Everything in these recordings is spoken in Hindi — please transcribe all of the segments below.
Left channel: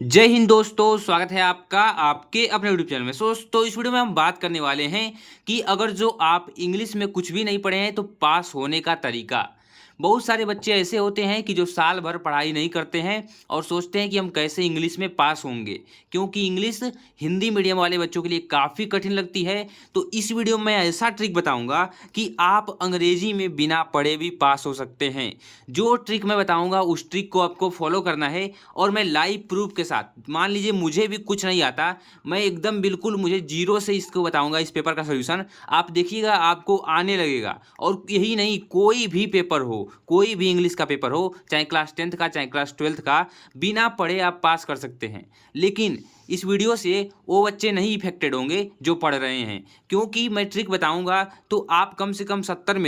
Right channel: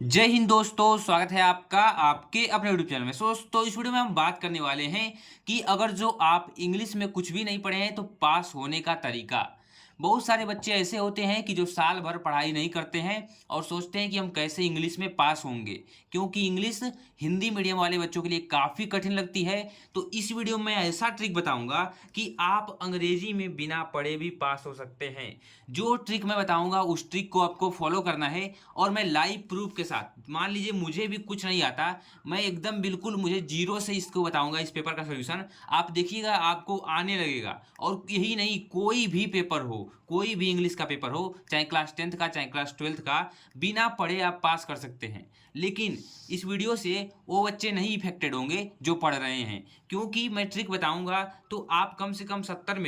जय हिंद दोस्तों, स्वागत है आपका आपके अपने यूट्यूब चैनल में। दोस्तों इस वीडियो में हम बात करने वाले हैं कि अगर जो आप इंग्लिश में कुछ भी नहीं पढ़े हैं तो पास होने का तरीका। बहुत सारे बच्चे ऐसे होते हैं कि जो साल भर पढ़ाई नहीं करते हैं और सोचते हैं कि हम कैसे इंग्लिश में पास होंगे, क्योंकि इंग्लिश हिंदी मीडियम वाले बच्चों के लिए काफ़ी कठिन लगती है। तो इस वीडियो में ऐसा ट्रिक बताऊंगा कि आप अंग्रेजी में बिना पढ़े भी पास हो सकते हैं। जो ट्रिक मैं बताऊंगा उस ट्रिक को आपको फॉलो करना है और मैं लाइव प्रूफ के साथ, मान लीजिए मुझे भी कुछ नहीं आता, मैं एकदम बिल्कुल मुझे जीरो से इसको बताऊंगा, इस पेपर का सॉल्यूशन आप देखिएगा, आपको आने लगेगा। और यही नहीं, कोई भी पेपर हो, कोई भी इंग्लिश का पेपर हो, चाहे क्लास 10th का चाहे क्लास 12th का, बिना पढ़े आप पास कर सकते हैं। लेकिन इस वीडियो से वो बच्चे नहीं इफेक्टेड होंगे जो पढ़ रहे हैं, क्योंकि मैं ट्रिक बताऊंगा तो आप कम से कम 70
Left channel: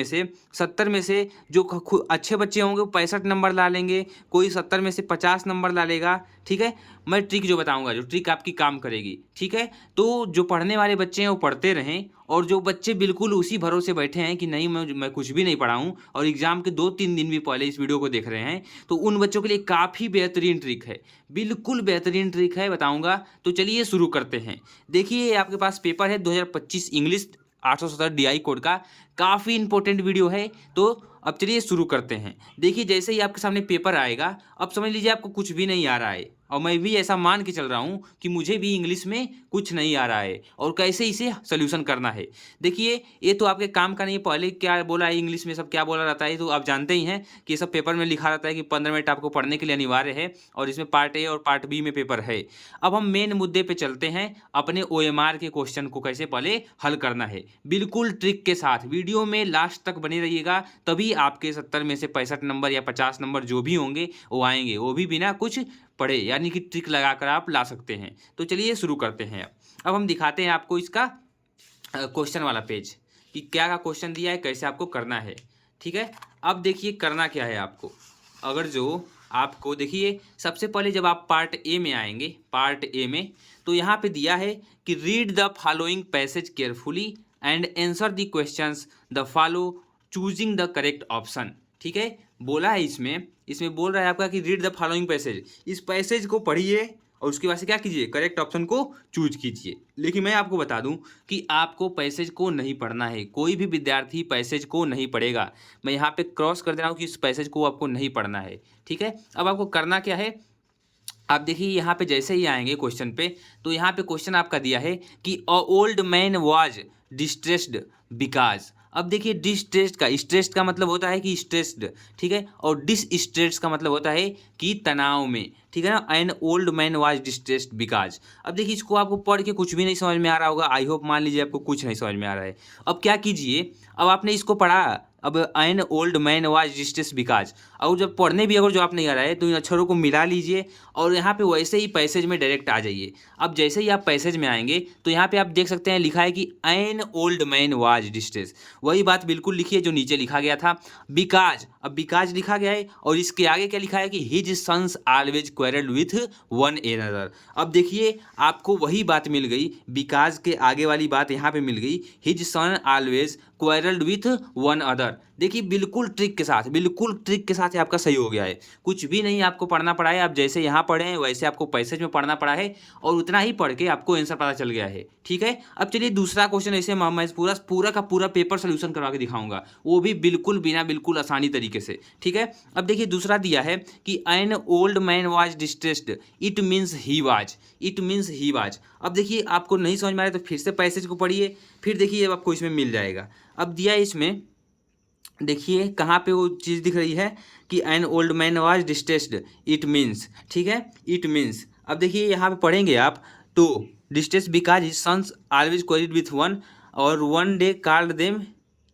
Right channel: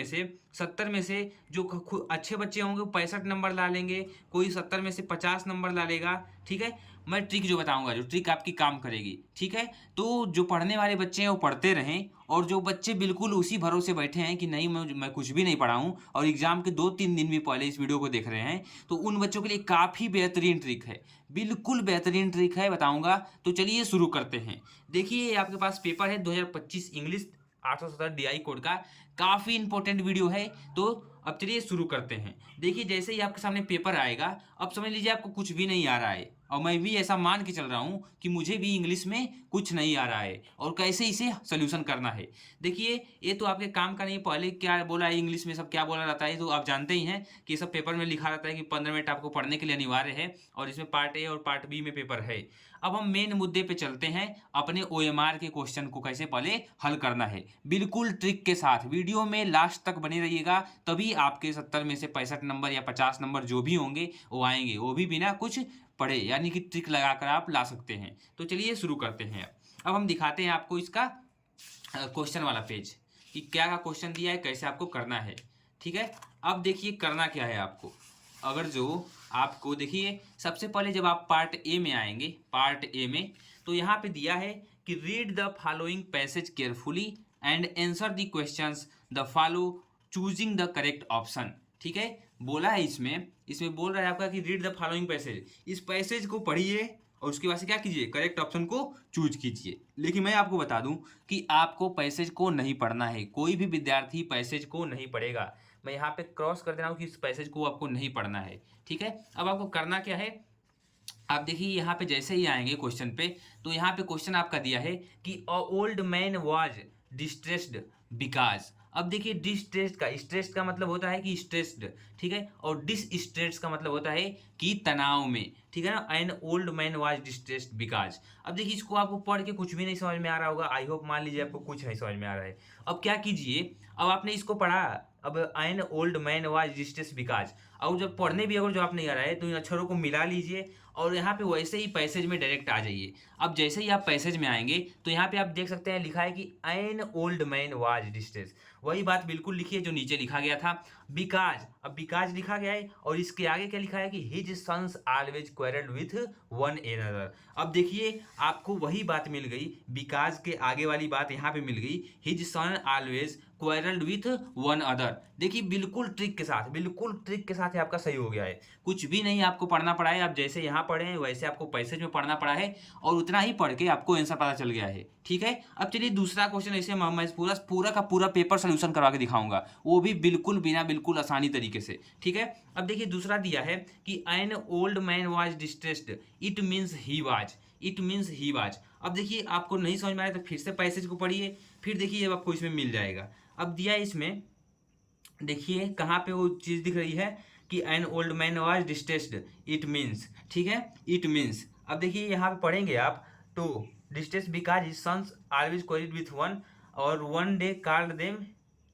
में से जो अच्छे बच्चे होंगे वो 65 नंबर ला लेंगे, कोई 70 में से 50 नंबर ला लेगा। ठीक है, मैं ट्रिक जो बताऊंगा, जो ट्रिक आपकी काम करेगी। ठीक है, तो जो पढ़ने वाले बच्चे हैं वो पढ़ते रहें, और जो बच्चे बिल्कुल उसी भरोसे बैठे हैं कि नहीं मैं कुछ भी नहीं पढ़ा हूँ और एग्जाम के 2-3 दिन भी पहले इस वीडियो को देख रहे हैं, तो उन बच्चों के लिए काफ़ी बेहतरीन ट्रिक है, बिल्कुल बेहतरीन ट्रिक है, बताऊंगा। तो चलिए शुरू करते हैं। देखिए आपके पास पेपर है 2025 इंग्लिश 870 DI कोड का, काफ़ी इंपॉर्टेंट वीडियो है। तो अब चलिए शुरू करते हैं। देखिए जैसे ही आपके सामने पेपर आएगा, अब समझ लीजिए आपको कुछ भी नहीं आ रहा है, और मैं भी ऐसा मान के चल रहा हूँ कि मुझे भी इंग्लिश में कुछ नहीं आ रहा है और कैसे इसे सोल्यूशन करना है। देखिए ये तो आपके काम का नहीं है, पहले क्या बोला है इंग्लिश में, सब क्या बोला जाता है तो आप जानते ही हैं कि सब पेपर में लिखा रहता है कि 15 मिनट आपको पढ़ने के लिए अनिवार्य है, और इसमें पार्ट ए और पार्ट बी में पेपर है। अब हम मेन मुद्दे पे चलते हैं, अपने OMR के क्वेश्चन को कैसे पहले हल करना है, बिल्कुल ट्रिक के साथ। वीडियो में लास्ट तक बने रहिएगा, तभी आपके 70 में से 65 नंबर या 50 नंबर जो भी होंगे वो आएंगे, वो भी बिना कुछ पढ़े, यानी कि ट्रिक लगाकर आप ला सकते हैं। तो चलिए शुरू करते हैं। अब हम दिखाते हैं आपको इसका क्वेश्चन वाला पेज कि क्या का क्वेश्चन दिया है, कैसे आपको करना है। ठीक है, अब देखिए करना क्या है आपको। अगर जो आपको देखिए, सबसे पहले जब आप पार्ट ए में आएंगे, पार्ट ए में, तो यहाँ पे दिया है कि read the following passage carefully and answer the questions the follow choosing the correct option. ठीक है, बोला है इसमें इसमें बोल रहा है आपका कि रीड द फॉलोइंग पैसेज, इस पैसेज को पढ़िए और उसके बाद से क्या कीजिए, करेक्ट ऑप्शन को चूज कीजिए। लेकिन मैं आपको बता दूं कि आपको पैसेज को नहीं पढ़ना है, कोई भी विद्यार्थी पैसेज को नहीं पढ़ेगा। मैं यहाँ पे क्रॉस कर दे रहा हूँ कि इस पैसेज को आपको नहीं पढ़ना है। ठीक है, अब आपको करना क्या है, आप देखिए यहाँ पे जैसे ही आएंगे क्वेश्चन पे, तो यहाँ पे क्वेश्चन आपका दिया है कि a old man was distressed because. अब देखिए डिस्ट्रेस्ड का, स्ट्रेस्ड का मतलब होता है कि स्ट्रेस्ड, ठीक है, और डिसस्ट्रेस्ड का मतलब होता है कि तनाव में। ठीक है ना, an old man was distressed because. अब देखिए इसको आपको पढ़ के कुछ भी नहीं समझ में आ रहा होगा, आई होप, मान लीजिए आपको कुछ नहीं समझ में आ रहा है। अब क्या कीजिए, अब आपने इसको पढ़ा, अब an old man was distressed because, और जब पढ़ने भी अगर जो आप नहीं आ रहा है तो इन अक्षरों को मिला लीजिए और यहाँ पे वैसे ही पैसेज में डायरेक्ट आ जाइए। अब जैसे ही आप पैसेज में आएंगे तो यहाँ पे आप देख सकते हैं लिखा है कि an old man was distress, वही बात बिल्कुल लिखिए जो नीचे लिखा गया था, बिकाज। अब बिकाज लिखा गया है और इसके आगे क्या लिखा है कि his sons always quarrelled with one another. अब देखिए आपको वही बात मिल गई, बिकाज के आगे वाली बात यहाँ पे मिल गई, his son always quarrelled with one other. देखिए बिल्कुल ट्रिक के साथ, बिल्कुल ट्रिक के साथ ही आपका सही हो गया है, कुछ भी नहीं आपको पढ़ना पड़ा है। आप जैसे यहाँ पढ़े हैं वैसे आपको पैसेज में पढ़ना पड़ा है, और उतना ही पढ़ के आपको आंसर पता चल गया है। ठीक है, अब चलिए दूसरा क्वेश्चन, ऐसे मैं पूरा पूरा का पूरा पेपर सोल्यूशन करवा के दिखाऊंगा, वो भी बिल्कुल बिना बिल्कुल आसानी तरीके से। ठीक है, अब देखिए दूसरा दिया है कि an old man was distressed, it means he was, it means he was. अब देखिए आपको नहीं समझ में आ रहा है तो फिर से पैसेज को पढ़िए, फिर देखिए अब आपको इसमें मिल जाएगा। अब दिया है इसमें, देखिए कहाँ पे वो चीज़ दिख रही है कि an old man was distressed, it means, ठीक है, इट मीन्स। अब देखिए यहाँ पे पढ़ेंगे आप, तो distress because his sons always quarrelled with one, और one day called them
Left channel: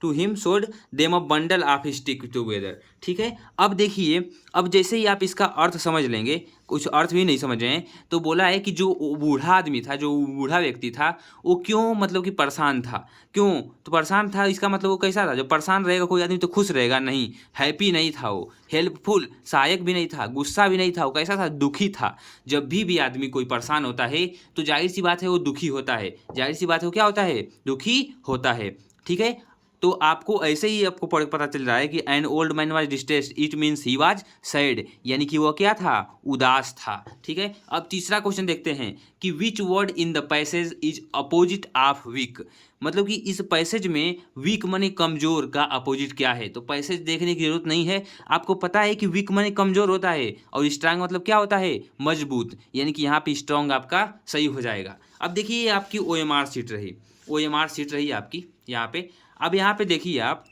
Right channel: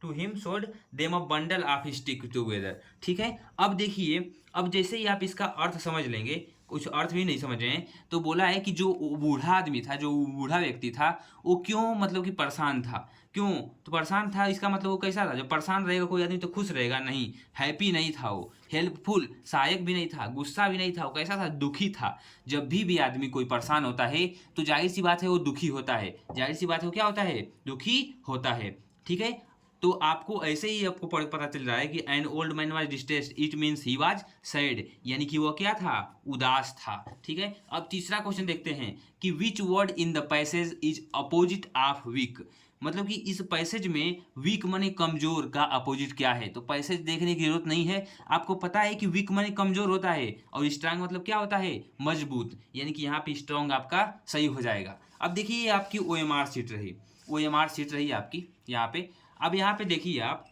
to him showed them a bundle of stick together. ठीक है, अब देखिए, अब जैसे ही आप इसका अर्थ समझ लेंगे, कुछ अर्थ भी नहीं समझ रहे हैं, तो बोला है कि जो बूढ़ा आदमी था, जो बूढ़ा व्यक्ति था, वो क्यों मतलब कि परेशान था, क्यों तो परेशान था, इसका मतलब वो कैसा था, जब परेशान रहेगा कोई आदमी तो खुश रहेगा नहीं, हैप्पी नहीं था वो, हेल्पफुल सहायक भी नहीं था, गुस्सा भी नहीं था, वो कैसा था, दुखी था। जब भी आदमी कोई परेशान होता है तो जाहिर सी बात है वो दुखी होता है, जाहिर सी बात है वो क्या होता है, दुखी होता है। ठीक है, तो आपको ऐसे ही आपको पता चल रहा है कि an old man was distressed, it means he was sad, यानी कि वो क्या था, उदास था। ठीक है, अब तीसरा क्वेश्चन देखते हैं कि which word in the passage is opposite of weak. मतलब कि इस पैसेज में वीक माने कमजोर का अपोजिट क्या है। तो पैसेज देखने की जरूरत नहीं है, आपको पता है कि वीक माने कमजोर होता है और स्ट्रांग मतलब क्या होता है, मजबूत, यानी कि यहाँ पे स्ट्रांग आपका सही हो जाएगा। अब देखिए ये आपकी OMR सीट रही, OMR सीट रही आपकी यहाँ पे। अब यहाँ पे देखिए आप,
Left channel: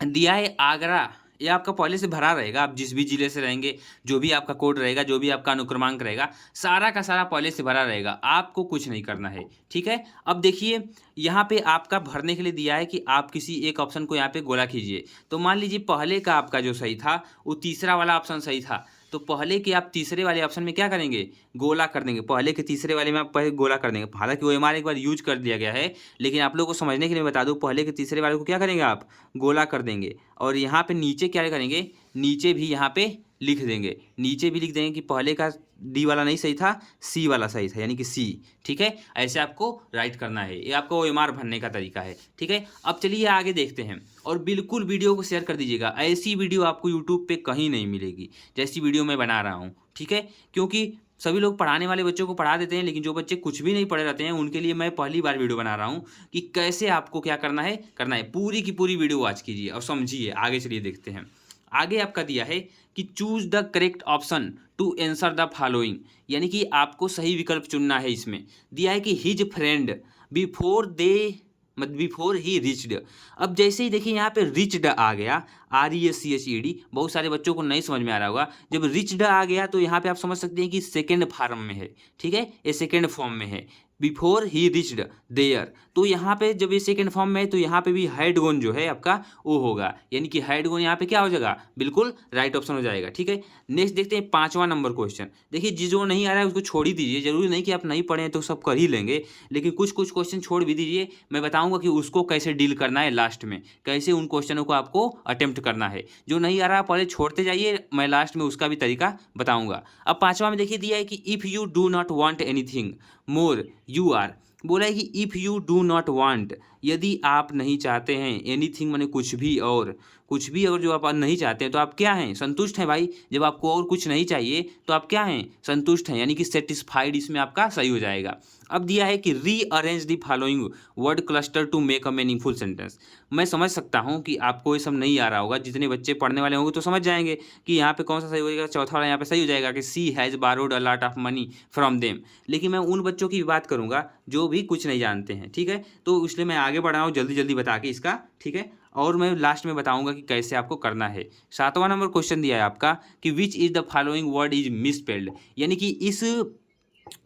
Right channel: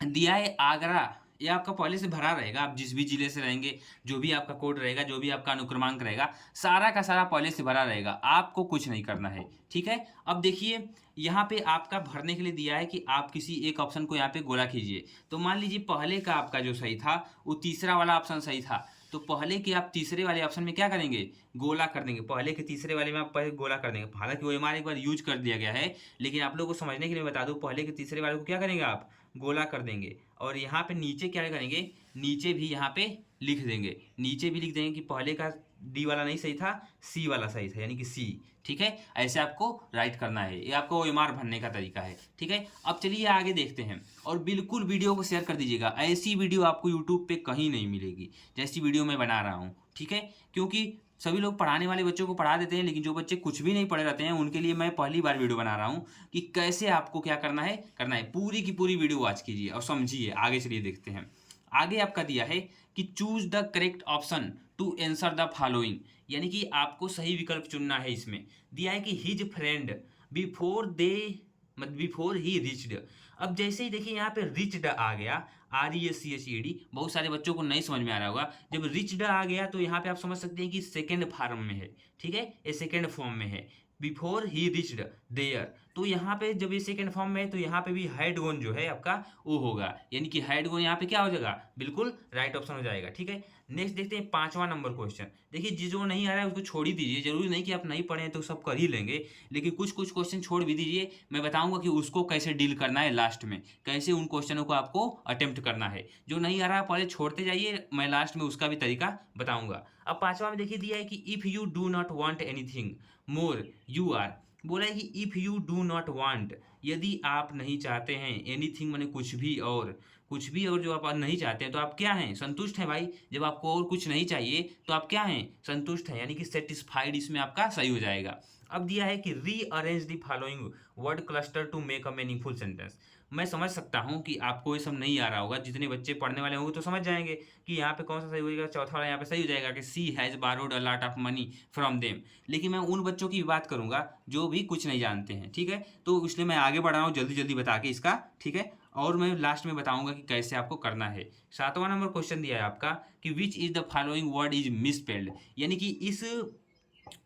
दिया है आगरा, ये आपका पहले से भरा रहेगा, आप जिस भी जिले से रहेंगे, जो भी आपका कोड रहेगा, जो भी आपका अनुक्रमांक रहेगा, सारा का सारा पहले से भरा रहेगा, आपको कुछ नहीं करना है। ठीक है, अब देखिए यहाँ पे आपका भरने के लिए दिया है कि आप किसी एक ऑप्शन को यहाँ पे गोला कीजिए। तो मान लीजिए पहले का आपका जो सही था वो तीसरा वाला ऑप्शन सही था, तो पहले के आप तीसरे वाले ऑप्शन में क्या करेंगे, गोला कर देंगे। पहले के तीसरे वाले में आप पहले गोला कर देंगे, हालांकि वो OMR एक बार यूज कर दिया गया है, लेकिन आप लोगों को समझने के लिए बता दूं, पहले के तीसरे वाले को क्या करेंगे आप, गोला कर देंगे। और यहाँ पे नीचे क्या करेंगे, नीचे भी यहाँ पे लिख देंगे, नीचे भी लिख देंगे कि पहले का D वाला नहीं सही था, C वाला सही था, यानी कि C। ठीक है, ऐसे आपको राइट करना है, ये आपको OMR भरने का तरीका है। ठीक है, अब चलिए आगे देखते हैं, और बिल्कुल वीडियो को शेयर कर दीजिएगा, ऐसी वीडियो आपको यूट्यूब पे कहीं नहीं मिलेगी जैसी वीडियो मैं बना रहा हूँ। ठीक है, क्योंकि सभी लोग पढ़ाने वाले बच्चों को पढ़ा देते हैं, लेकिन जो बच्चे कुछ भी नहीं पढ़े रहते हैं उनके लिए मैं पहली बार वीडियो बना रहा हूँ कि कैसे आपको क्या करना है। पूरी की पूरी वीडियो वॉच कीजिए और समझिए। आगे चलिए देखते हैं, आगे आपका दिया है कि choose the correct option to answer the following, यानी कि आपको सही विकल्प चुनना है। इसमें दिया है कि his friend before he reached. अब जैसे ही देखिए यहाँ पे रिच्ड आ गया, RECHED, बहुत सारे बच्चों को नहीं समझ में आ रहा होगा, जब रिच्ड आ गया तो यहाँ पे आप समझ सकते हैं कि सेकेंड फॉर्म में है। ठीक है, ये सेकेंड फॉर्म में है, बिफोर ही रिच्ड देयर। तो यहाँ पे जब ये सेकेंड फॉर्म में है तो यहाँ पे भी हैड गोन जो है आपका वो होगा, यानी कि हैड गोन यहाँ पे क्या हो जाएगा, बिल्कुल राइट ऑप्शन हो जाएगा। ठीक है, नेक्स्ट देखते हैं 5वां नंबर क्वेश्चन। देखिए जो नहीं आ रहा है उसको छोड़ ही दीजिए, जरूरी नहीं कि आप नहीं पढ़े हैं तो सब कर ही लेंगे, लेकिन कुछ कुछ क्वेश्चन छोड़ भी दीजिए। मैं बताऊंगा कि उसको कैसे डील करना है, लास्ट में कैसे उन क्वेश्चनों को आपको अटेम्प्ट करना है। जो नहीं आ रहा पहले छोड़ते जाइए, मैं लास्ट में उसका भी तरीका बताऊंगा। अब 5वां में देखिए दिया है कि if you do not want anything more you are. बोला है कि if you do not want, यदि आप नहीं चाहते हैं, एनीथिंग माने कुछ भी, और कुछ भी अगर जो आप नहीं चाहते हैं तो आप क्या हैं, संतुष्ट हैं भाई। जब आपको और कुछ नहीं चाहिए तो आप क्या हैं, संतुष्ट हैं, यानी कि सेटिस्फाइड इसमें आपका सही हो जाएगा। अब दिया है कि rearrange the following word cluster to make a meaningful sentence. मैं समझ सकता हूँ कि आपको ये सब नहीं आ रहा होगा, जितने बच्चे पढ़ने वाले होंगे तो समझ जाएंगे कि यहाँ पे कौन सा सही हो जाएगा। चौथा वाला यहाँ पे सही हो जाएगा कि she has borrowed a lot of money from them. लेकिन मैं उन बच्चों की बात करूँगा जो भी कुछ नहीं जानते हैं। ठीक है, तो इसलिए मैं आगे बढ़ रहा हूँ जल्दी जल्दी बता के इसका। ठीक है, और मैं लास्ट में बताऊंगा कि कैसे आपको करना है। 7वां नंबर क्वेश्चन दिया है आपका कि which is the following word is misspelled, यानी कि इस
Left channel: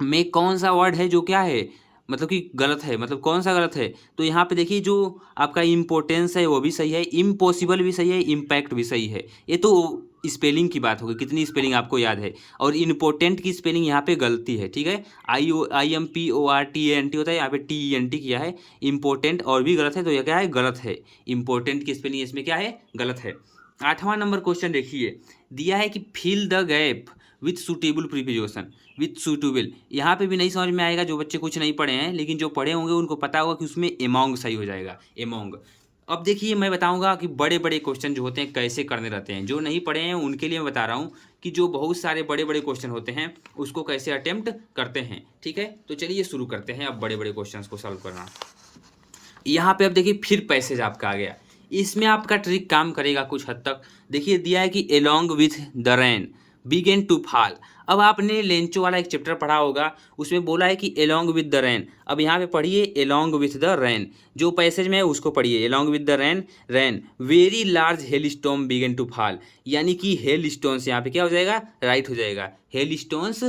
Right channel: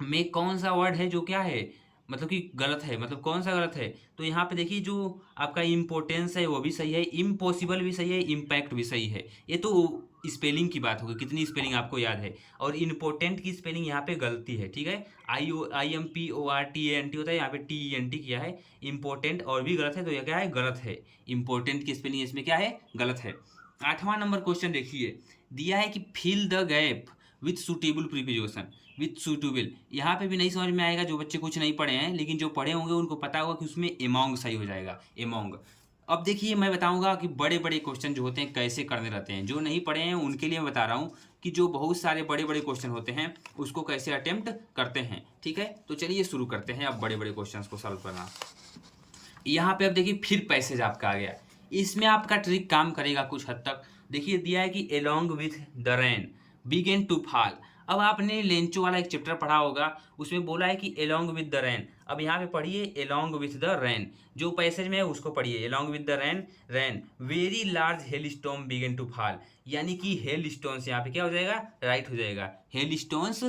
में कौन सा वर्ड है जो क्या है, मतलब कि गलत है, मतलब कौन सा गलत है। तो यहाँ पे देखिए जो आपका इम्पोर्टेंस है वो भी सही है, इम्पॉसिबल भी सही है, इम्पैक्ट भी सही है। ये तो स्पेलिंग की बात होगी, कितनी स्पेलिंग आपको याद है। और इम्पोर्टेंट की स्पेलिंग यहाँ पे गलती है। ठीक है, IMPORTANT होता है, यहाँ पे TENT किया है। इम्पोर्टेंट और भी गलत है, तो यह क्या है, गलत है। इम्पोर्टेंट की स्पेलिंग इसमें क्या है, गलत है। 8वां नंबर क्वेश्चन देखिए, दिया है कि fill the gap with suitable preposition, with suitable. यहाँ पे भी नहीं समझ में आएगा जो बच्चे कुछ नहीं पढ़े हैं, लेकिन जो पढ़े होंगे उनको पता होगा कि उसमें एमोंग सही हो जाएगा, एमोंग। अब देखिए मैं बताऊंगा कि बड़े बड़े क्वेश्चन जो होते हैं कैसे करने रहते हैं। जो नहीं पढ़े हैं उनके लिए मैं बता रहा हूँ कि जो बहुत सारे बड़े बड़े क्वेश्चन होते हैं उसको कैसे अटेम्प्ट करते हैं। ठीक है, तो चलिए शुरू करते हैं अब बड़े बड़े क्वेश्चन को सॉल्व करना। यहाँ पे अब देखिए फिर पैसेज आपका आ गया, इसमें आपका ट्रिक काम करेगा कुछ हद तक। देखिए दिया है कि along with the rain began to fall. अब आपने लेंचो वाला एक चैप्टर पढ़ा होगा, उसमें बोला है कि एलोंग विद द रेन। अब यहाँ पे पढ़िए एलोंग विथ द रेन, जो पैसेज में है उसको पढ़िए, along with the rain, rain very large hail stone began to fall, यानी कि हेल स्टोन्स यहाँ पे क्या हो जाएगा, राइट हो जाएगा, hail stones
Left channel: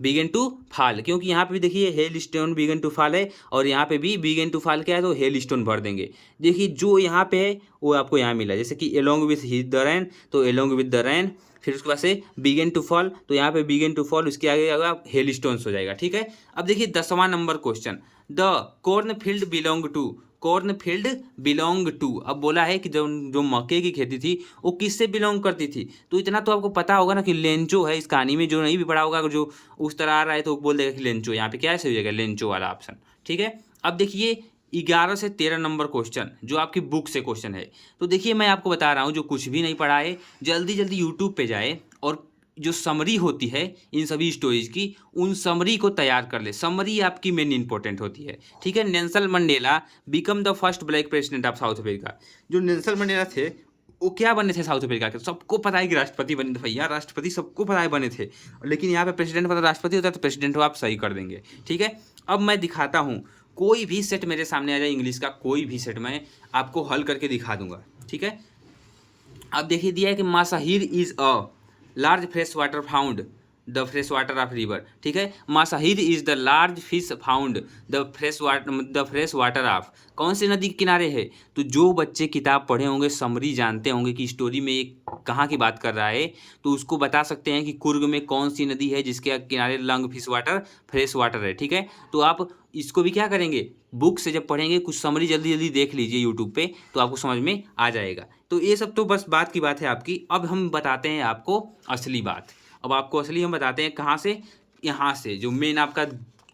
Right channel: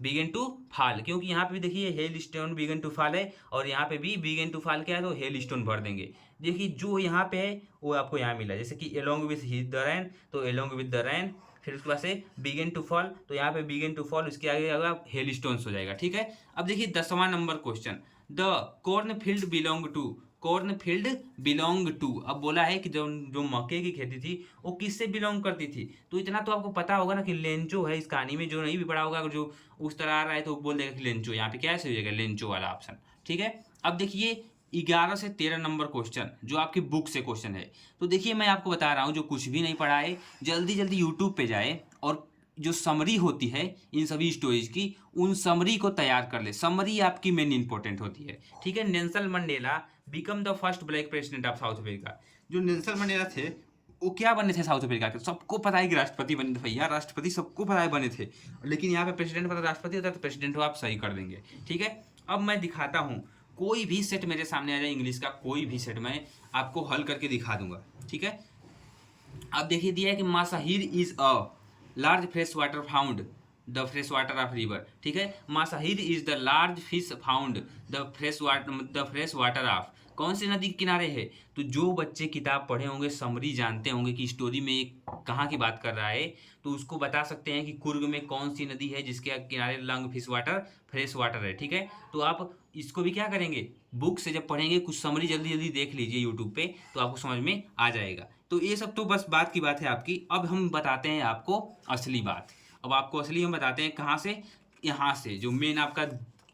began to fall. क्योंकि यहाँ पे भी देखिए hail stone began to fall है, और यहाँ पे भी बिगेन टू फॉल क्या है, तो हेल स्टोन भर देंगे। देखिए जो यहाँ पे है वो आपको यहाँ मिला, जैसे कि एलोंग विथ द रेन, तो एलोंग विद द रेन, फिर उसके बाद से बिगेन टू फॉल, तो यहाँ पे बिगेन टू फॉल, उसके आगे आएगा हेल स्टोन्स हो जाएगा। ठीक है, अब देखिए 10वां number question, the corn field belong to, corn field belong to. अब बोला है कि जो जो मक्के की खेती थी वो किससे बिलोंग करती थी। तो इतना तो आपको पता होगा ना कि लेंचो है इस कहानी में। जो नहीं भी पढ़ा होगा, जो उस तरह आ रहा है तो बोल देगा कि लेंचो, यहाँ पे क्या है सही हो जाएगा, लेंचो वाला ऑप्शन। ठीक है, अब देखिए 11 से 13 नंबर क्वेश्चन जो आपकी बुक से क्वेश्चन है। तो देखिए मैं आपको बता रहा हूँ, जो कुछ भी नहीं पढ़ा है जल्दी जल्दी यूट्यूब पे जाए और जो समरी होती है इन सभी स्टोरीज की, उन समरी को तैयार कर ले। समरी आपकी मेन इंपॉर्टेंट होती है, ठीक है। Nelson Mandela become the first black president of south Africa. जो नेल्सन मंडेला थे वो क्या बने थे साउथ अफ्रीका के? सबको पता है कि राष्ट्रपति बने थे भैया, राष्ट्रपति सबको पता है बने थे। लेकिन यहाँ पे प्रेसिडेंट मतलब राष्ट्रपति होता है, तो प्रेसिडेंट हो आप सही कर देंगे, ठीक है। अब मैं दिखाता हूँ, कोई भी सेट मेरे सामने आ जाए इंग्लिश का, कोई भी सेट मैं आपको हल करके दिखा दूंगा, ठीक है। अब देखिए दिया है कि mahseer is a large fresh water found the fresh water of river, ठीक है। Mahseer is the large fish found the fresh water of, कौन सी नदी के किनारे है? तो जो बच्चे किताब पढ़े होंगे, समरी जानते होंगे कि स्टोरी में एक कहाँ की बात कर रहा है, तो उसको बता सकते हैं कि कुर्ग में कौन सी नदी है जिसके किनारे lung fish water fresh water है, ठीक है। तो आप इसको भी क्या करेंगे, बुक से जब पढ़ेंगे कुछ समरी जल्दी जल्दी देख लीजिए यूट्यूब पे, तो आपको समझ में आ जाएगा। तो ये सब तो बस बात की बात है आपकी। अब हम बताते हैं आपको असली बात। अब आपको असली हम बताते हैं कहाँ से, यहाँ से जो मेन आपका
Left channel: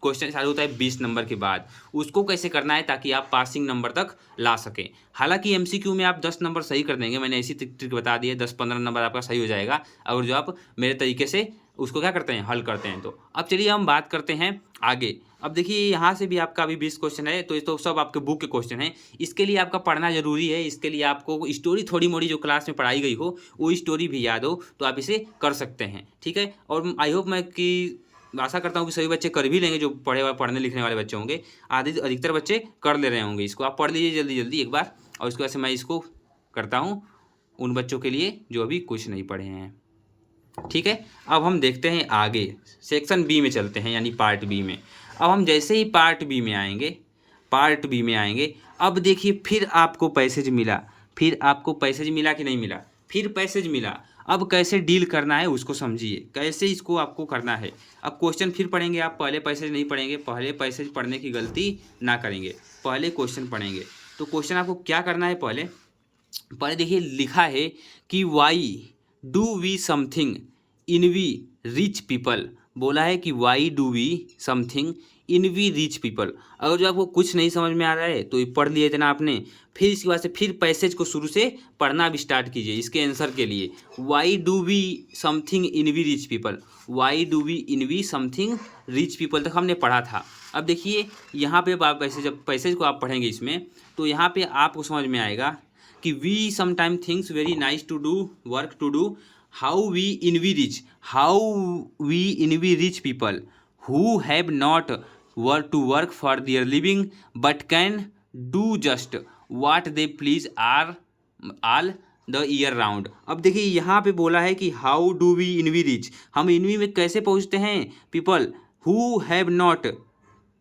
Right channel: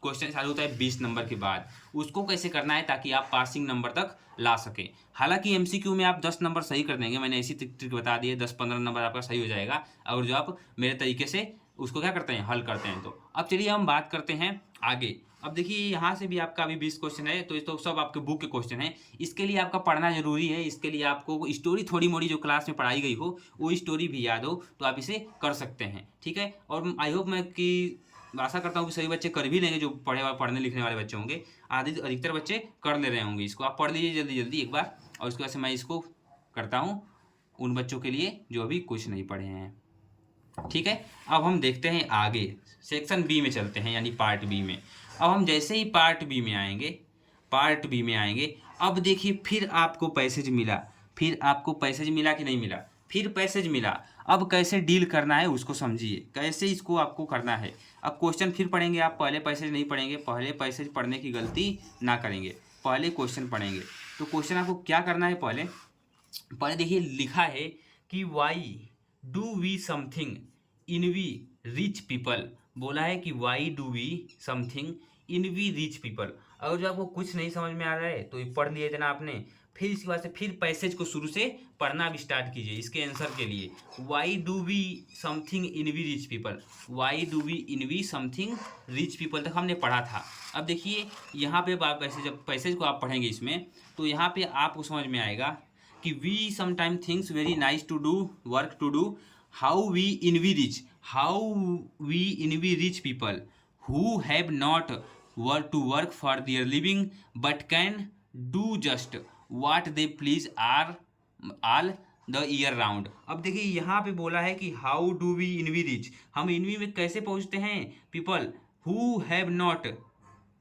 क्वेश्चन चालू होता है 20 नंबर के बाद, उसको कैसे करना है ताकि आप पासिंग नंबर तक ला सकें। हालांकि एमसीक्यू में आप 10 नंबर सही कर देंगे, मैंने ऐसी ट्रिक बता दी है, 10-15 नंबर आपका सही हो जाएगा अगर जो आप मेरे तरीके से उसको क्या करते हैं, हल करते हैं। तो अब चलिए हम बात करते हैं आगे। अब देखिए यहाँ से भी आपका अभी 20 क्वेश्चन है, तो ये तो सब आपके बुक के क्वेश्चन हैं। इसके लिए आपका पढ़ना जरूरी है, इसके लिए आपको स्टोरी थोड़ी मोड़ी जो क्लास में पढ़ाई गई हो वो स्टोरी भी याद हो, तो आप इसे कर सकते हैं, ठीक है। और आई होप मैं कि आशा करता हूँ कि सभी बच्चे कर भी लेंगे, जो पढ़ने लिखने वाले बच्चे होंगे। अधिकतर बच्चे कर ले रहे होंगे इसको। आप पढ़ लीजिए जल्दी जल्दी एक बार, और उसके बाद से मैं इसको करता हूँ उन बच्चों के लिए जो अभी कुछ नहीं पढ़े हैं, ठीक है। अब हम देखते हैं आगे, सेक्शन बी में चलते हैं, यानी पार्ट बी में। अब हम जैसे ही पार्ट बी में आएंगे, अब देखिए फिर आपको पैसेज मिला, कि नहीं मिला? फिर पैसेज मिला। अब कैसे डील करना है उसको समझिए, कैसे इसको आपको करना है। अब क्वेश्चन फिर पढ़ेंगे आप, पहले पैसेज नहीं पढ़ेंगे, पहले पैसेज पढ़ने की गलती ना करेंगे, पहले क्वेश्चन पढ़ेंगे। तो क्वेश्चन आपको क्या करना है, पहले देखिए लिखा है कि why do we something envy rich people. बोला है कि why do we something envy rich people. अगर जो आपको कुछ नहीं समझ में आ रहा है तो ये पढ़ लिए इतना आपने, फिर इसके बाद से फिर पैसेज को शुरू से पढ़ना भी स्टार्ट कीजिए इसके आंसर के लिए। Why do we something envy rich people, why do we envy something rich people तक हमने पढ़ा था। अब देखिए यहाँ पे आप जब पैसेज को आप पढ़ेंगे इसमें, तो यहाँ पे आपको समझ में आएगा कि we sometime things very nice to do work to do, how we envy rich people who have not work to work for their living but can do just what they please are all the year round. अब देखिए यहाँ पे बोला है कि how do we envy rich, हम इनवी में कैसे पहुँचते हैं, people who have not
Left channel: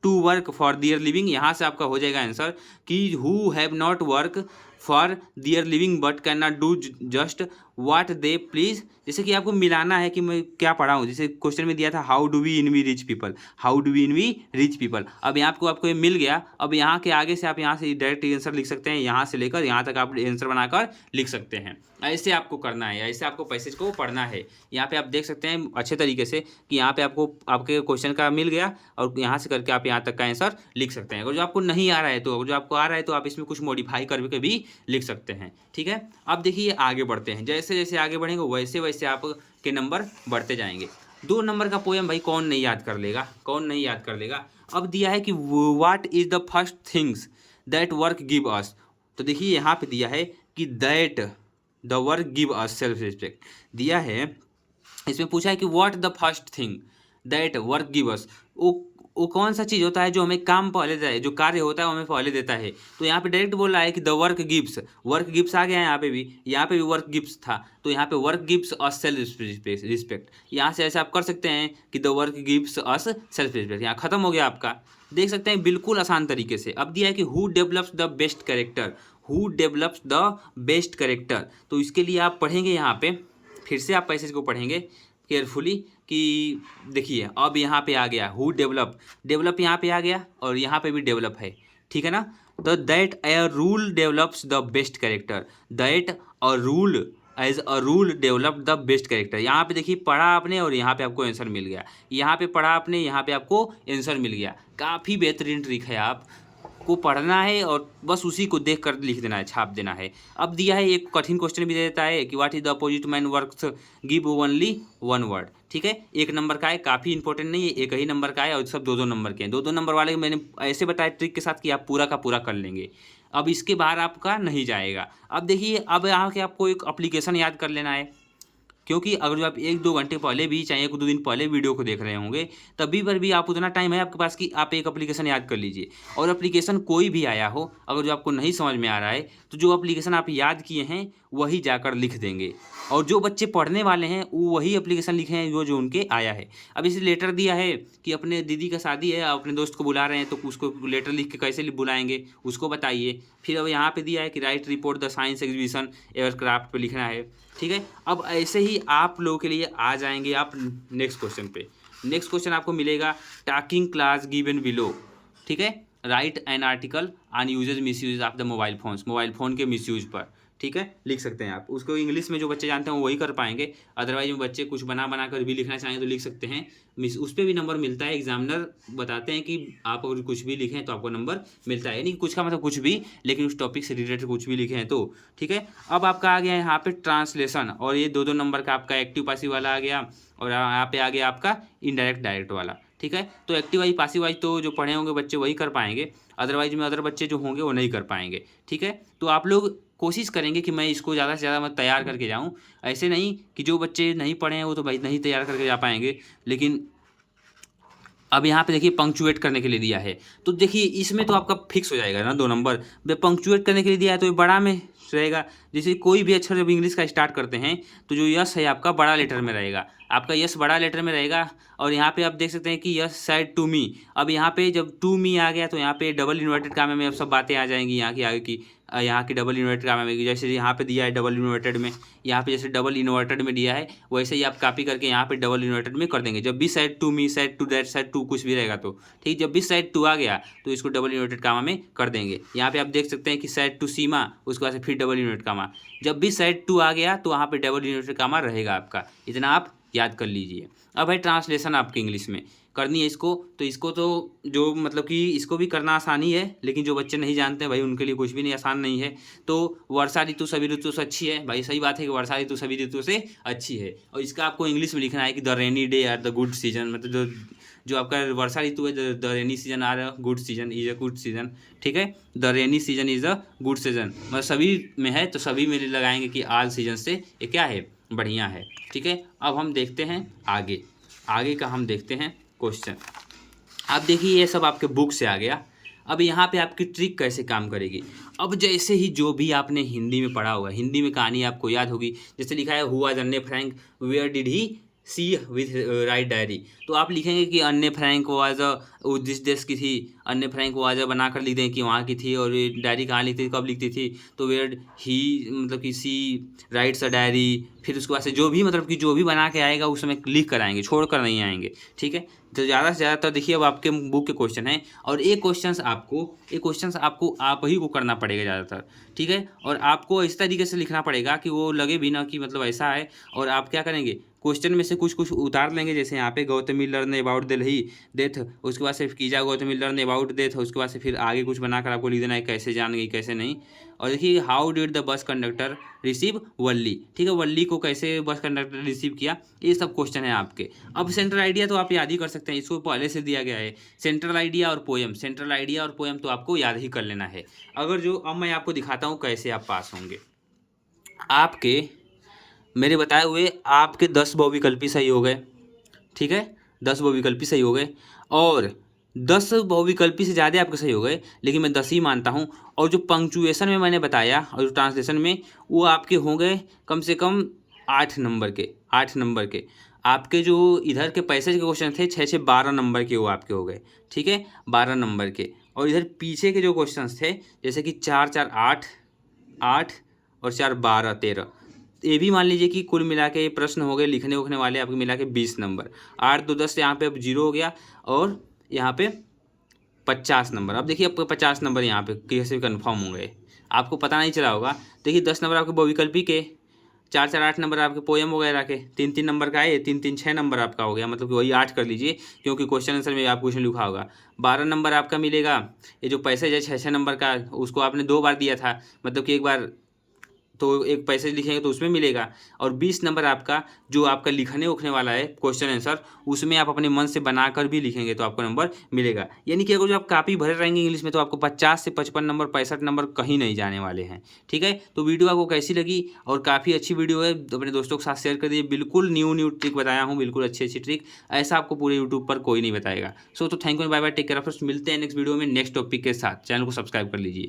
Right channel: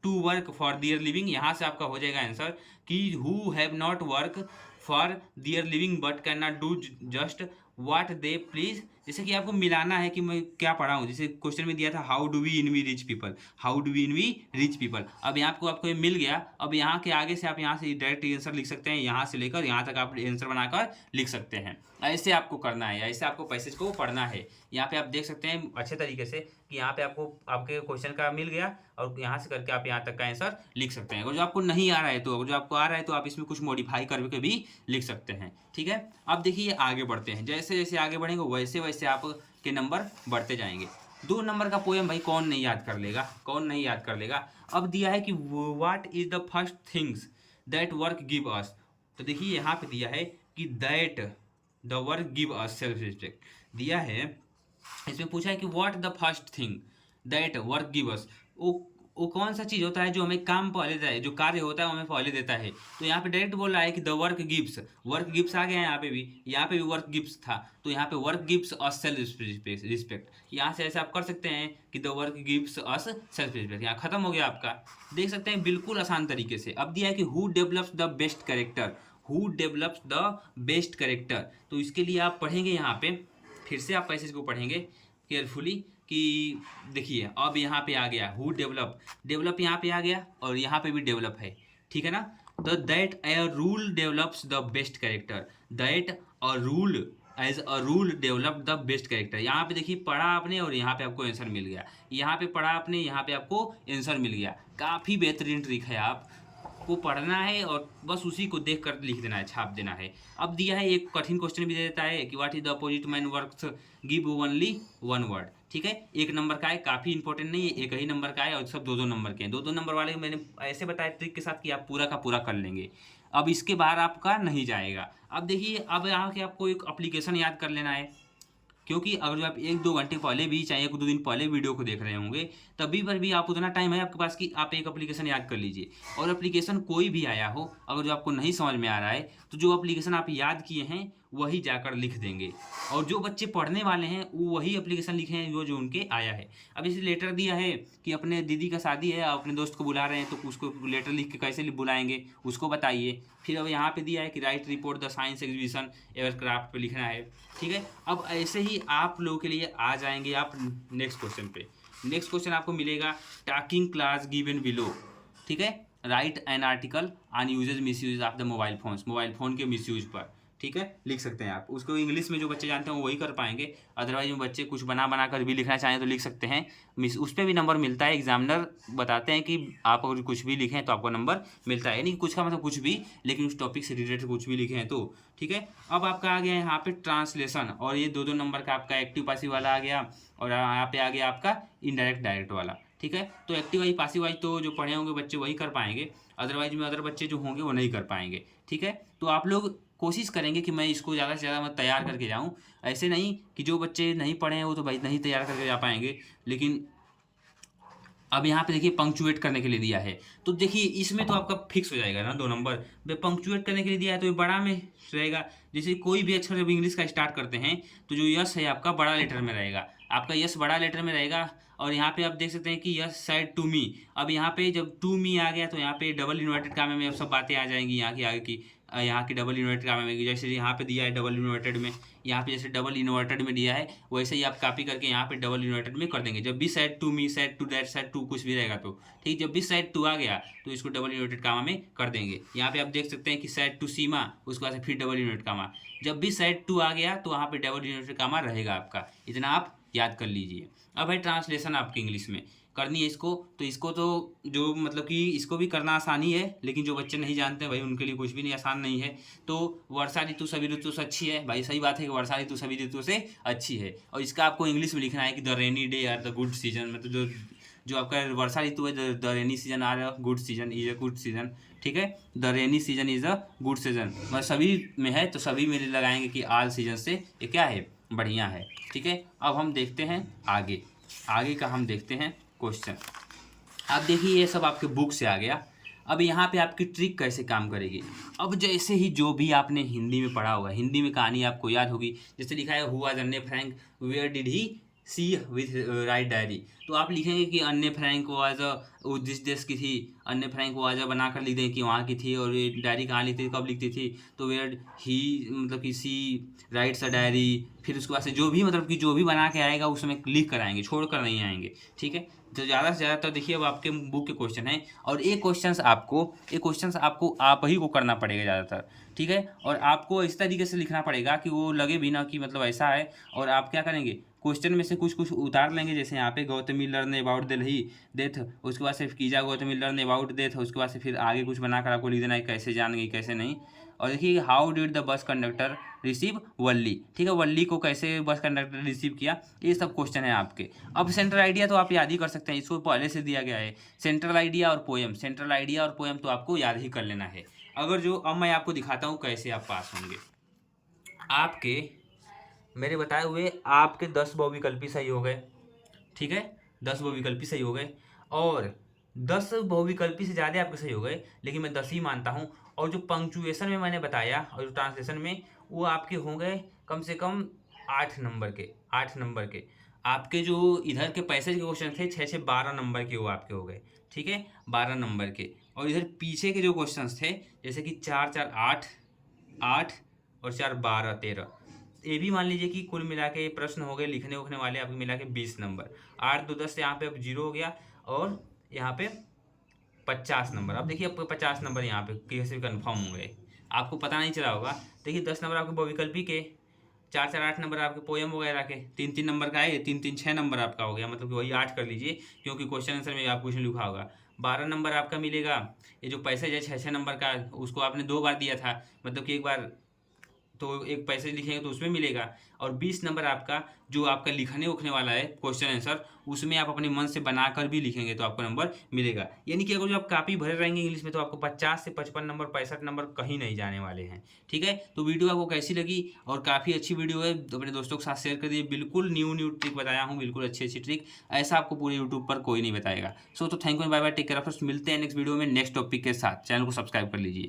to work for their living. यहाँ से आपका हो जाएगा आंसर कि who have not work for their living but can not do just what they please. जैसे कि आपको मिलाना है कि मैं क्या पढ़ा हूँ, जैसे क्वेश्चन में दिया था how do we envy rich people, how do we envy rich people. अब यहाँ आपको ये मिल गया। अब यहाँ के आगे से आप यहाँ से डायरेक्ट आंसर लिख सकते हैं, यहाँ से लेकर यहाँ तक आप आंसर बनाकर लिख सकते हैं। ऐसे आपको करना है, ऐसे आपको पैसेज को पढ़ना है। यहाँ पे आप देख सकते हैं अच्छे तरीके से कि यहाँ पे आपको आपके क्वेश्चन का मिल गया, और यहाँ से करके आप यहाँ तक का आंसर लिख सकते हैं। अगर जो आपको नहीं आ रहा है, तो अगर जो आपको आ रहा है तो आप इसमें कुछ मॉडिफाई करके भी लिख सकते हैं, ठीक है। अब देखिए आगे बढ़ते हैं, जैसे जैसे आगे बढ़ेंगे वैसे वैसे आपके नंबर बढ़ते जाएंगे। 2 नंबर का पोएम भाई कौन नहीं याद कर लेगा, अब दिया है कि what is the first things that work give us. तो देखिए यहाँ पे दिया है कि that the work give us self respect दिया है। इसमें पूछा है कि what the first thing that work give us, वो कौन सा चीज़ होता है जो हमें काम पहले देता है, जो कार्य होता है वो हमें पहले देता है। तो यहाँ पे डायरेक्ट बोल रहा है कि द वर्क गिव्स आ गया है। यहाँ पे भी वर्क गिव्स था, तो यहाँ पे work gives us self respect. यहाँ से ऐसे आप कर सकते हैं कि the work gives us self respect, यहाँ खत्म हो गया आपका। देख सकते हैं बिल्कुल आसान तरीके से। अब दिया है कि who develops the best character, तो इसके लिए आप पढ़ेंगे यहाँ पे, फिर से आप पैसेज को पढ़ेंगे केयरफुली कि देखिए अब यहाँ पे आ गया हु डेवलप यहाँ पे आ गया, और यहाँ पे भी डेवलप है, ठीक है ना। तो that a rule develops the best character, that a rule as a rule develop the best character. यहाँ पे देखिए पढ़ा आपने और यहाँ पे आपको आंसर मिल गया, यहाँ पे पढ़ा आपने, यहाँ पे आपको आंसर मिल गया। काफ़ी बेहतरीन ट्रिक है। आप को पढ़ना है और बस उसी को देख कर लिख देना है, छाप देना है। अब दिया है एक कठिन क्वेश्चन भी दे देता है कि what is the opposite man works, give only one word. ठीक है, 1 नंबर का है, काफ़ी इंपॉर्टेंट नहीं है, 1 ही नंबर का है और सब 2-2 नंबर के हैं। 2-2 नंबर वाले मैंने ऐसे बताया ट्रिक के साथ कि आप पूरा का पूरा कर लेंगे। अब इसके बाहर आपका नहीं जाएगा। अब देखिए, अब यहाँ के आपको एक एप्लीकेशन याद कर लेना है, क्योंकि अगर जो आप 1-2 घंटे पहले भी चाहे 1-2 दिन पहले वीडियो को देख रहे होंगे, तभी पर भी आप उतना टाइम है आपके पास कि आप एक एप्लीकेशन याद कर लीजिए। और एप्लीकेशन कोई भी आया हो, अगर जो आपको नहीं समझ में आ रहा है, तो जो एप्लीकेशन आप याद किए हैं वही जाकर लिख देंगे। और जो बच्चे पढ़ने वाले हैं वो वही एप्लीकेशन लिखे हैं जो जो उनके आया है। अब इसे लेटर दिया है कि अपने दीदी का शादी है, अपने दोस्त को बुला रहे हैं, तो उसको लेटर लिख के कैसे बुलाएंगे उसको बताइए। फिर अब यहाँ पे दिया है कि right report the science exhibition aircraft पे लिखना है। ठीक है, अब ऐसे ही आप लोगों के लिए आ जाएंगे आप नेक्स्ट क्वेश्चन पे। नेक्स्ट क्वेश्चन आपको मिलेगा टॉकिंग क्लास गिवन बिलो। ठीक है, write an article on usages misuse of the mobile phones, mobile phone के मिस यूज पर। ठीक है, लिख सकते हैं आप उसको। इंग्लिश में जो बच्चे जानते हैं वो वही कर पाएंगे, अदरवाइज बच्चे कुछ बना कर भी लिखना चाहें तो लिख सकते हैं। मिस उस पर भी नंबर मिलता है, एग्जामिनर बताते हैं कि आप अगर कुछ भी लिखें तो आपको नंबर मिलता है, यानी कुछ का मतलब कुछ भी, लेकिन उस टॉपिक से रिलेटेड कुछ भी लिखे हैं तो। ठीक है, अब आपका आ गया यहाँ पे ट्रांसलेशन, और ये 2-2 नंबर का आपका एक्टिव पासिव वाला आ गया, और यहाँ पे आ गया आपका इनडायरेक्ट डायरेक्ट वाला। ठीक है, तो एक्टिव वाइज पासिव वाइज तो जो पढ़े होंगे बच्चे वही कर पाएंगे, अदरवाइज में अदर बच्चे जो होंगे वो नहीं कर पाएंगे। ठीक है, तो आप लोग कोशिश करेंगे कि मैं इसको ज़्यादा से ज़्यादा मैं तैयार करके जाऊँ। ऐसे नहीं कि जो बच्चे नहीं पढ़े हैं वो तो भाई नहीं तैयार करके जा पाएंगे। लेकिन अब यहाँ पे देखिए पंक्चुएट करने के लिए दिया है, तो देखिए इसमें तो आपका फिक्स हो जाएगा ना 2 नंबर। पंक्चुएट करने के लिए दिया है तो ये बड़ा में रहेगा। जैसे कोई भी अक्षर जब इंग्लिश का स्टार्ट करते हैं तो जो यस है आपका बड़ा लेटर में रहेगा, आपका यस बड़ा लेटर में रहेगा। और यहाँ पे आप देख सकते हैं कि यस सेड टू मी, अब यहाँ पे जब टू मी आ गया तो यहाँ पे डबल इन्वर्टेड कामे में अब सब बातें आ जाएंगी यहाँ की आगे की। यहाँ की डबल इन्वर्टेड कामे में, जैसे यहाँ पे दिया है डबल इन्वर्टेड में, यहाँ पे जैसे डबल इन्वर्टेड में दिया है वैसे ही आप कॉपी करके यहाँ पे डबल इन्वर्टेड में कर देंगे। जब भी said to me, said to that, said to कुछ भी रहेगा तो ठीक, जब भी सेड टू आ गया तो इसको डबल इन्वर्टेड कामा में कर देंगे। यहाँ पे आप देख सकते हैं कि सेड टू सीमा, उसके बाद से फिर डबल इन्वर्टेड कामा, जब भी सेड टू आ गया तो वहाँ पे डबल इन्वर्टेड कामा रहेगा आपका। इतना आप याद कर लीजिए। अब है ट्रांसलेशन आपकी इंग्लिश में करनी है इसको, तो इसको तो जो मतलब कि इसको भी करना आसानी है, लेकिन जो बच्चे नहीं जानते हैं भाई उनके लिए कुछ भी नहीं आसान नहीं है। तो वर्षा ऋतु सभी ऋतु से अच्छी है, भाई सही बात है कि वर्षा ऋतु सभी ऋतु से अच्छी है। और इसका आपको इंग्लिश में लिखना है कि the rainy day are the good season, मतलब जो जो आपका वर्षा ऋतु है, the rainy season are a good season is a good season. ठीक है, the rainy season is a good season, मतलब सभी में है तो सभी में लगाएंगे कि ऑल सीजन से ये क्या है, बढ़िया है। ठीक है, अब हम देखते हैं आगे, आगे का हम देखते हैं क्वेश्चन। अब देखिए ये सब आपके बुक से आ गया। अब यहाँ पे आपकी ट्रिक कैसे काम करेगी। अब जैसे ही जो भी आपने हिंदी में पढ़ा होगा, हिंदी में कहानी आपको याद होगी, जैसे लिखा है हुआ Anne Frank where did he see with write diary, तो आप लिखेंगे कि अन्य फ्रैंक वाज वो जिस देश की थी, अन्य फ्रैंक वाज बनाकर लिख दें कि वहाँ की थी, और ये डायरी कहाँ लिखती थी, कब लिखती थी, तो वेयर ही मतलब कि सी राइट्स अ डायरी। फिर उसके बाद से जो भी मतलब कि जो भी बना के आएगा उसमें लिख कर आएंगे, छोड़ कर नहीं आएंगे। ठीक है, तो ज़्यादा से ज़्यादातर देखिए अब आपके बुक के क्वेश्चन हैं, और ये क्वेश्चंस आपको आप ही को करना पड़ेगा ज़्यादातर। ठीक है, और आपको इस तरीके से लिखना पड़ेगा कि वो लगे भी ना कि मतलब ऐसा है। और आप क्या करेंगे, क्वेश्चन में से कुछ कुछ उतार लेंगे, जैसे यहाँ पे Gautami learn about Delhi death, उसके बाद से कीजा गौतमी लर्न अबाउट डेथ, उसके बाद से फिर आगे कुछ बनाकर आपको लिख देना है कैसे जान गई कैसे नहीं। और देखिए how did the bus conductor receive Valli, ठीक है, वल्ली को कैसे बस कंडक्टर रिसीव किया, ये सब क्वेश्चन है आपके। अब सेंट्रल आइडिया तो आप याद ही कर सकते हैं, इसको पहले से दिया गया है। सेंट्रल आइडिया और पोएम, सेंट्रल आइडिया और पोएम तो आपको याद ही कर लेना है। अगर जो अब मैं आपको दिखाता हूँ कैसे आप पास होंगे। आपके मेरे बताए हुए आपके 10 बहुविकल्पी सही हो गए। ठीक है, 10 बहुविकल्पी सही हो गए, और 10 बहुविकल्पी से ज़्यादा आपके सही हो गए, लेकिन मैं 10 ही मानता हूँ। और जो पंक्चुएशन में मैंने बताया और जो ट्रांसलेशन में, वो आपके हो गए कम से कम 8 नंबर के, 8 नंबर के। आपके जो इधर के पैसेज के क्वेश्चन थे 6-6 12 नंबर के वो आपके हो गए। ठीक है, 12 नंबर के। और इधर पीछे के जो क्वेश्चन थे, जैसे कि 4-4 8, 8 और 4 12 13, ये भी मान लीजिए कि कुल मिला के ये प्रश्न हो गए लिखने उखने वाले आपके मिला के 20 नंबर। 8 2 10 यहाँ पे अब 0 हो गया, और यहाँ पे 50 नंबर। अब देखिए आपको 50 नंबर यहाँ पे कैसे कन्फर्म हो गए, आपको पता नहीं चला होगा। देखिए 10 नंबर आपके बहुविकल्पी के, 4 4 8 नंबर आपके पोएम वगैरह के, 3 3 नंबर का है, 3 3 6 नंबर आपका हो गया, मतलब कि वही 8 कर लीजिए क्योंकि क्वेश्चन आंसर में आपको क्वेश्चन लिखा होगा। 12 नंबर आपका मिलेगा, ये जो पैसेज है 6 6 नंबर का, उसको आपने 2 बार दिया था, मतलब कि एक बार तो एक पैसेज लिखेंगे तो उसमें मिलेगा। और 20 नंबर आपका जो आपका लिखने उखने वाला है क्वेश्चन आंसर, उसमें आप अपने मन से बनाकर भी लिखेंगे तो आपको नंबर मिलेगा। यानी कि अगर जो आप कापी भरे रहेंगे इंग्लिश में तो आपको 50 से 55 नंबर 65 नंबर कहीं नहीं जाने वाले हैं। ठीक है, तो वीडियो आपको कैसी लगी? और काफ़ी अच्छी वीडियो है, तो अपने दोस्तों के साथ शेयर कर दिए। बिल्कुल न्यू ट्रिक बताया हूँ, बिल्कुल अच्छी अच्छी ट्रिक, ऐसा आपको पूरे यूट्यूब पर कोई नहीं बताएगा। सो तो thank you, bye bye, take care of, मिलते हैं नेक्स्ट वीडियो में नेक्स्ट टॉपिक के साथ। चैनल को सब्सक्राइब कर लीजिए।